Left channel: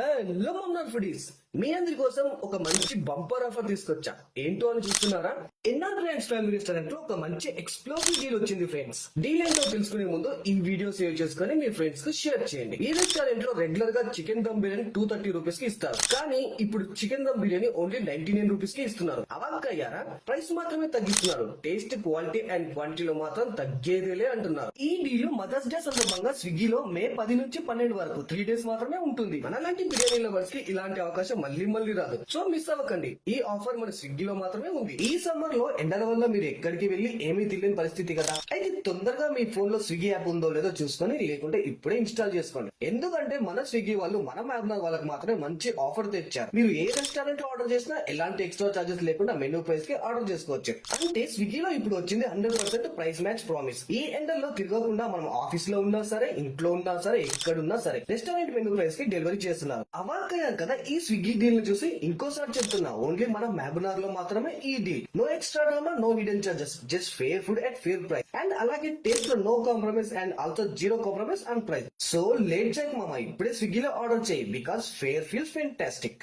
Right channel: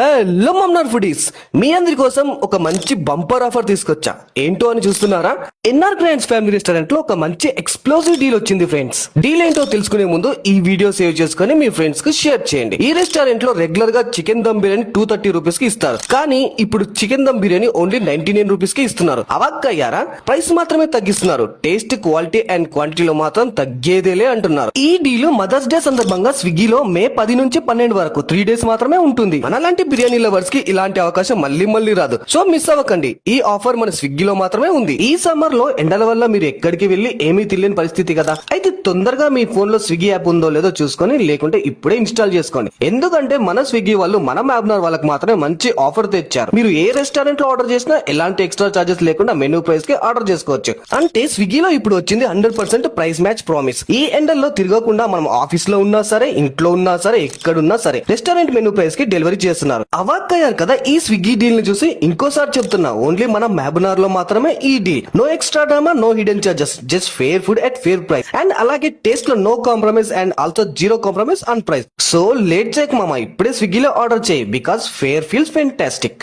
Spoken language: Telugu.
హలో మమ్నార్ ఫుడీస్, మీ అందరి కోసం ఒక మంచి బంపర్ ఆఫర్ తీసుకొచ్చా. ఏంటో అని చూస్తున్నారా? ఎన్ఆర్ గ్రాండ్స్ ఫ్యామిలీ రెస్టారెంట్ లో ఒక మంచి ఎక్స్ప్లోజివ్ డీల్ వచ్చింది ఫ్రెండ్స్. డీల్ ఏంటో తెలుసుకునే ముందు ఈ వీడియో సేవ్ చేసుకుని మీ ఫ్రెండ్స్ కు షేర్ చేయండి. ఈ రెస్టారెంట్ లో రెగ్యులర్ గా చికెన్ దమ్ బిర్యానీ 230 రూపీస్ కి ఇస్తారు, కానీ ఇప్పుడు chicken dum biryani only 99 rupees కి ఇస్తున్నారు. అవాక్కయ్యారా? ప్రైస్ మాత్రమే తగ్గిస్తున్నారు, టేస్ట్, క్వాలిటీ అండ్ క్వాంటిటీలో మాత్రం తగ్గేదేలే అంటున్నారు. ఈ డీల్ మదర్స్ డే సందర్భంగా స్విగ్గీలో మే 10 నుంచి 12 వరకు 3 డేస్ మాత్రమే ఉంటుంది. మనలాంటి బిర్యానీ లవర్స్ కి ఇలాంటి అవకాశం మళ్ళీ రాదు. సో మిస్ అవ్వకండి, ఈ ఆఫర్ మన స్విగ్గీలో మాత్రమే ఉంది. ఈ సమ్మర్ లో ఎండల వల్ల మీరు ఎక్కడికి వెళ్లి ఏమీ తెలియని పరిస్థితి కదా, అయితే తొందరగా మీ ఫోన్ లో స్విగ్గీ యాప్ ఉందో లేదో చూసుకొని, లేకుంటే ఇప్పుడే ఇన్స్టాల్ చేసుకోండి. ఎందుకంటే మన స్విగ్గీ వాళ్ళు మన మ్యాబ్నార్ వాళ్ళకి మాత్రమే మంచి ఆఫర్ తెచ్చారు. మీరు ఏ రెస్టారెంట్ లో ఆర్డర్ చేసినా ఎలాంటి ఎక్స్ట్రా చార్జెస్ లేకుండా మెనూ ప్రైస్ కి ఆర్డర్ చేసుకోవచ్చు. అంటే స్విగ్గీలో ఇప్పుడు వచ్చింది 100% ప్రైస్ మ్యాచ్ ప్రామిస్. ఈ ఎండల్లో తిరగకుండా మనం ఆఫీస్ లో ఉన్నా సరే, ఇంట్లో ఉన్నా సరే, ఎక్కడున్నా సరే రెస్టారెంట్ మెనూ ప్రైస్ కి డెలివరీ చేస్తున్నారు. అవాక్కయ్యారు కదా ఈ స్విగ్గీ డీల్ ని చూసి? ఇంకోసారి చెప్తున్నా, ఓన్లీ మన మ్యాబ్నార్ లో మాత్రమే ఈ deal. No extra drama, no hidden charges, just fair food at fair price. And అలాగే టేస్ట్ లో no compromise and also zero compromise on price. So late చేయకు మామ, ఇప్పుడే స్విగ్గీలో ఆర్డర్ చేయి, బికాస్ ఫేర్ ఫీల్స్ ఫెంటాస్టిక్.